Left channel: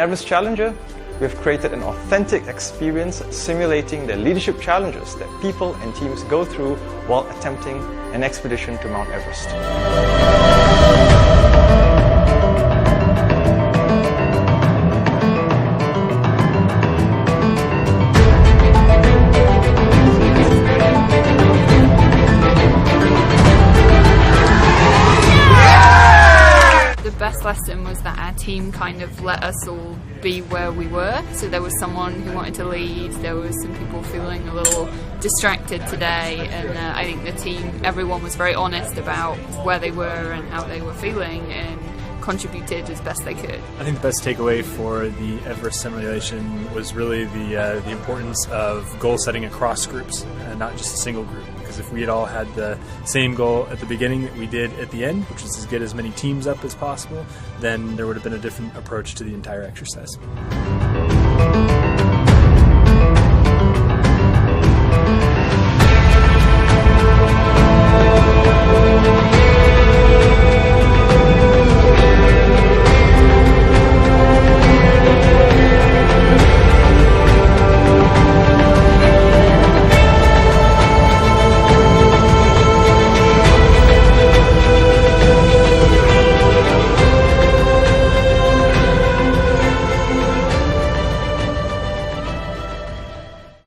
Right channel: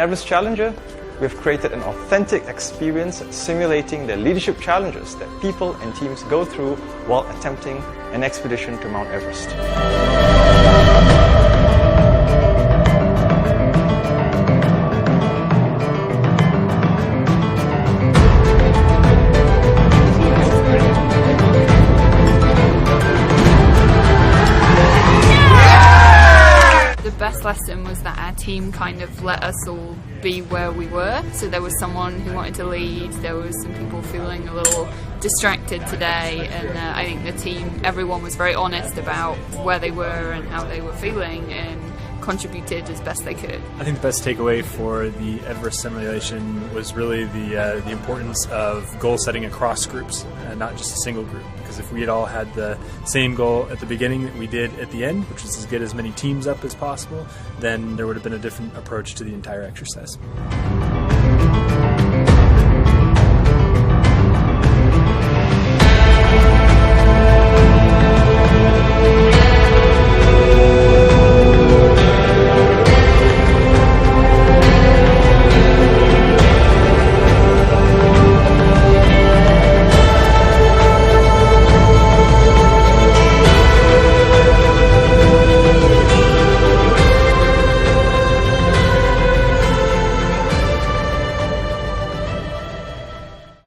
Everest Challenger, we've created an authentic experience simulating the leadership challenges that people and teams go through while attempting an expedition to Mount Everest. The best lesson was that our team kind of let us all be where we were. So there was someone who wanted to lead, there was some people feeling a little distracted today, and I think the team, everyone was very honest about where they were and how they were feeling and contributed as best they could. I think the best takeaway for the Everest simulation was really the importance of goal setting across groups and not just a single group. Because if we had all had the same goal at the beginning that we did at the end, which was to get as many teams up as possible, then there would have been a different approach to the entire exercise.